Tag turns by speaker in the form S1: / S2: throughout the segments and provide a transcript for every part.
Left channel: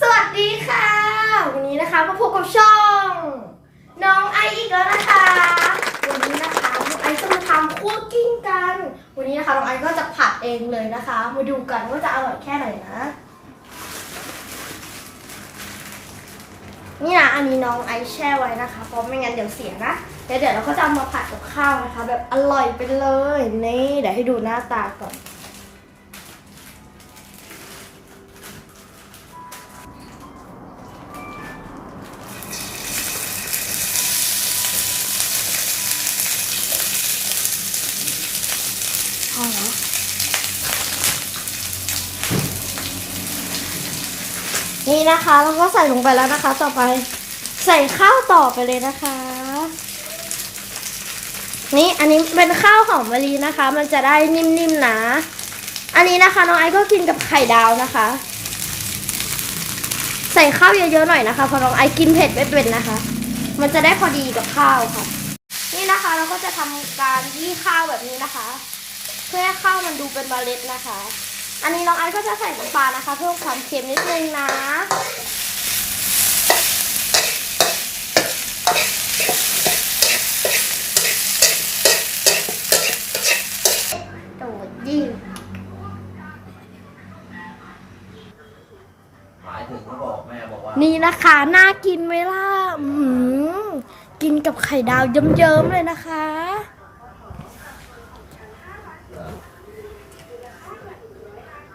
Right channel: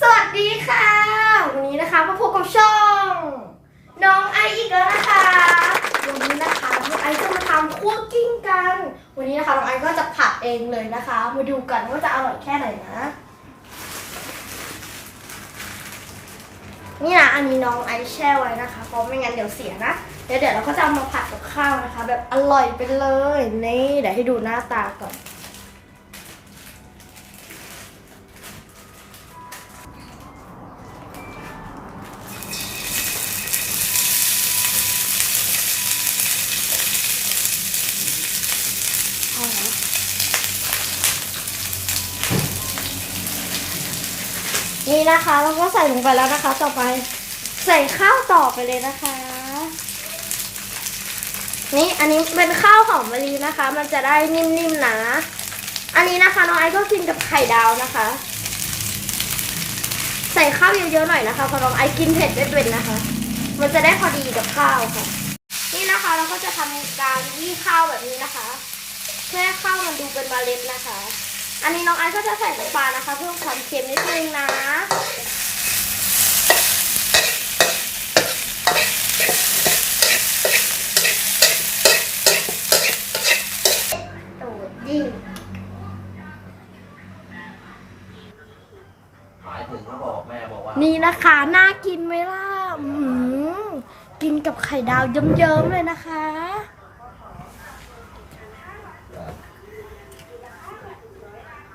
S1: สวัสดีค่ะ วันนี้นะคะมาพบกับช่อง น้องไออีกแล้วนะคะ วันนี้นะคะน้องไอจะมาทำคั่วกิ้งกัน วันนี้นะคะน้องไอก็จะผัดเองเลยนะคะ มาดูกันว่าจะอร่อยแค่ไหนนะ นี่นะอันนี้น้องไอแช่ไว้นะคะเพราะไม่งั้นเดี๋ยวเสียนะเดี๋ยวเดี๋ยวเราก็จะเอามาผัดกับข้าวนะคะ แบบอร่อยไปเลยนี่เดี๋ยวให้ดูหน้าตาก่อน อแล้วนี่นะคะแล้วก็ใส่ลงไปแล้วนะคะ ต่อไปใส่ข้าวต่อไปเลยนะคะ นี่อันนี้เป็นข้าวหอมมะลินะคะ มันจะได้นิ่มๆนะอันนี้นะคะน้องไอซ์ก็กินกับไข่ดาวนะคะ ใส่ข้าวเยอะๆหน่อยนะคะเพราะน้องไอซ์กินเผ็ดไม่เป็นนะคะ มันจะได้พอดีกับข้าวค่ะ นี่นะคะเราก็จะทำการยี่ข้าวแบบนี้นะคะ พื่อให้ข้าวมันดูเป็นเมล็ดนะคะ อันนี้น้องไอซ์ก็จะใส่น้ำปลานะคะ เพื่อความเค็มนิดนึงนะโดดยิ่ง
S2: หมายถึงเขาบอกแม่บอกว่า
S1: นี่นะคะ น่ากินไหมล่ะอื้อหือกินกับไข่ดาวเยิ้มๆเลยนะคะ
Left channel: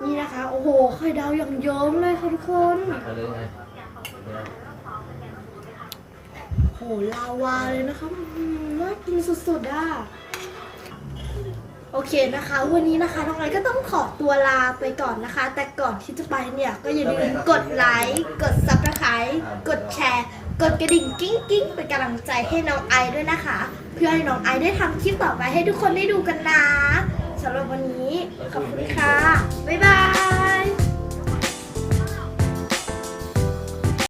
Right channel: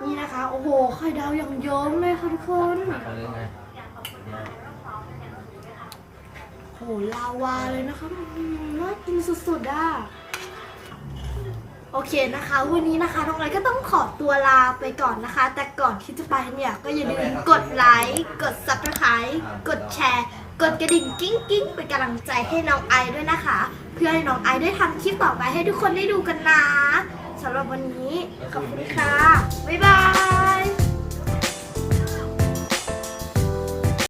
S1: นี่นะคะ โอ้โหไข่ดาวอย่างเยิ้มเลยค่ะทุกคน
S2: เขาเรียกไงเนี่ย
S1: โหลาวาเลยนะคะอื้อหือน่ากินสุดๆอะ โอเคนะคะ วันนี้นะคะน้องไอก็ต้องขอตัวลาไปก่อนนะคะ แต่ก่อนที่จะไปเนี่ย ก็อย่าลืมกดไลค์กด subscribe กดแชร์ กดกระดิ่งกิ้งกิ้งเป็นกำลังใจให้น้องไอด้วยนะคะ เพื่อให้น้องไอได้ทำคลิปต่อไปให้ทุกคนได้ดูกันนะ สำหรับวันนี้ขอบคุณค่ะ บ๊ายบาย